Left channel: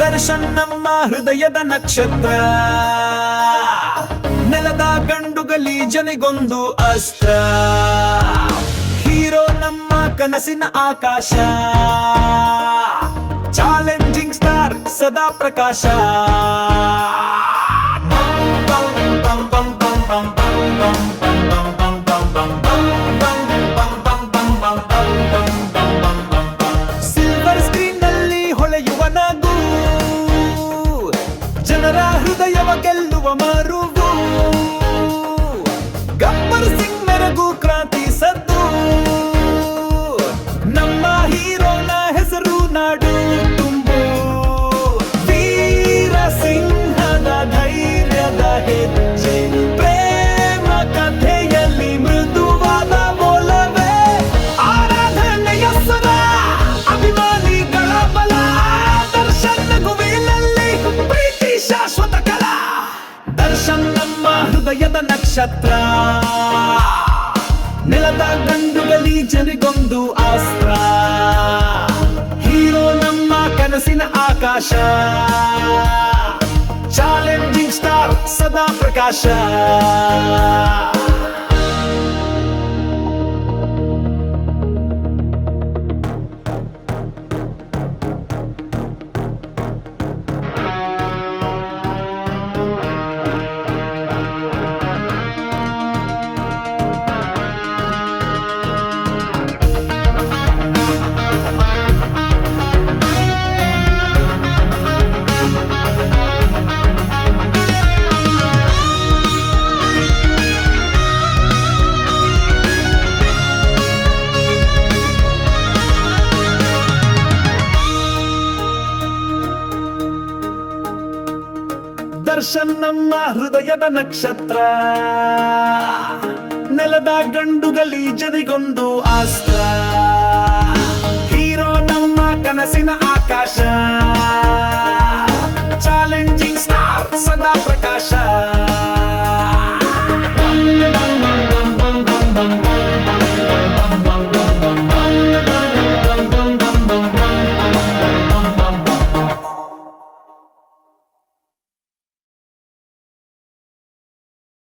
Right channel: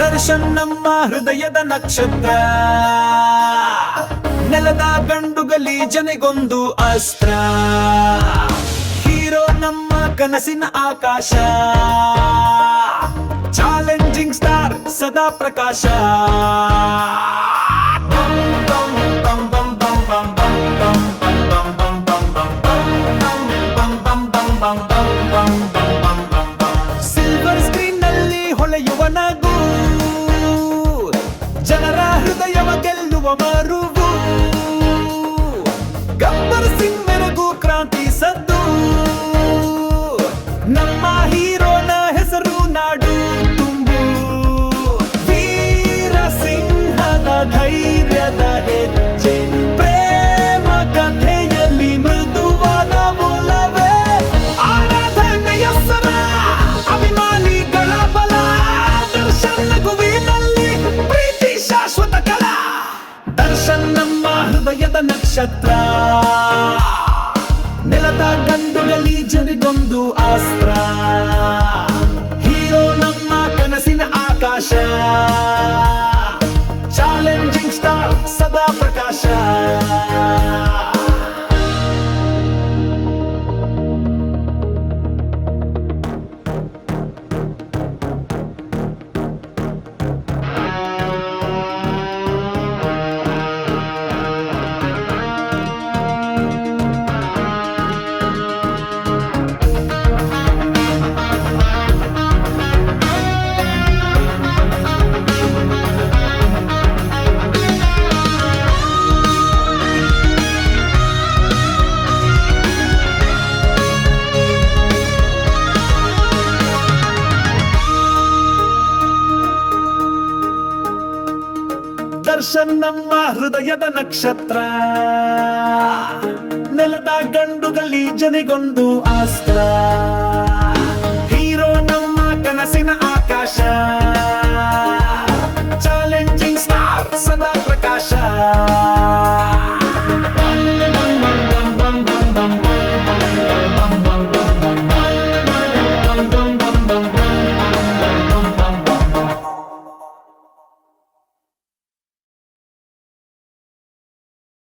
ದರ್ಶನ್ ನಮ್ಮ ಹೃದಯದ ನಕ್ಷತ್ರ, ನೆಲದ ಗಂಡು ಗಲೀಜನಿಗೊಂದು ಅಸ್ತ್ರ. ಹೀರೋ ನಮ್ಮ ಕನಸಿನ ಆಕಾಶ, ಚಾಲೆಂಜಿಂಗ್ ಸ್ಟಾರ್ ಸದಾ ಪ್ರಕಾಶ. ಸಿಲ್ವರ್ ಸ್ಕ್ರೀನ್ ನಲ್ಲಿ ಹೊಳೆಯುವ ನಗು, ಜನರ ಹೃದಯವ ಗೆಲ್ಲುವ ಮರುವು. ಗಬ್ಬರ್ ಸಿಂಗ್ ಮೆರಗು ಕ್ರಾಂತಿ ಸದ್ದು, ನಮ್ಮ ಹೀರೋನ ಹೆಸರು ನಾಡು ತುಂಬು. ವೀರ ಸಿಂಹದ ಧೈರ್ಯದ ಹೆಜ್ಜೆ, ಪ್ರೇಮ ಕಥೆಯಲ್ಲಿ ಮೃದುವಾದ ಒಲವೇ. ಆರಾಧನೆಯ ಸ್ವರ, ಅಭಿಮಾನಿಗಳ ಬಲ. ದರ್ಶನ್ ನಗುವಿನಲ್ಲಿ ಪ್ರೀತಿ ಶಾಶ್ವತ ಕಲಾ. ದರ್ಶನ್ ನಮ್ಮ ಹೃದಯದ ನಕ್ಷತ್ರ, ನೆಲದ ಗಂಡು ಗಲೀಜರಿಗೊಂದು ಅಸ್ತ್ರ. ಹೀರೋ ನಮ್ಮ ಕನಸಿನ ಆಕಾಶ, ಚಾಲೆಂಜಿಂಗ್ ಸ್ಟಾರ್ ಸದಾ ಪ್ರಕಾಶ. ದರ್ಶನ್ ನಮ್ಮ ಹೃದಯದ ನಕ್ಷತ್ರ, ನೆಲದ ಗಂಡು ಗಲೀಜನಿಗೊಂದು ಅಸ್ತ್ರ. ಹೀರೋ ನಮ್ಮ ಕನಸಿನ ಆಕಾಶ, ಚಾಲೆಂಜಿಂಗ್ ಸ್ಟಾರ್ ಸದಾ ಪ್ರಕಾಶ.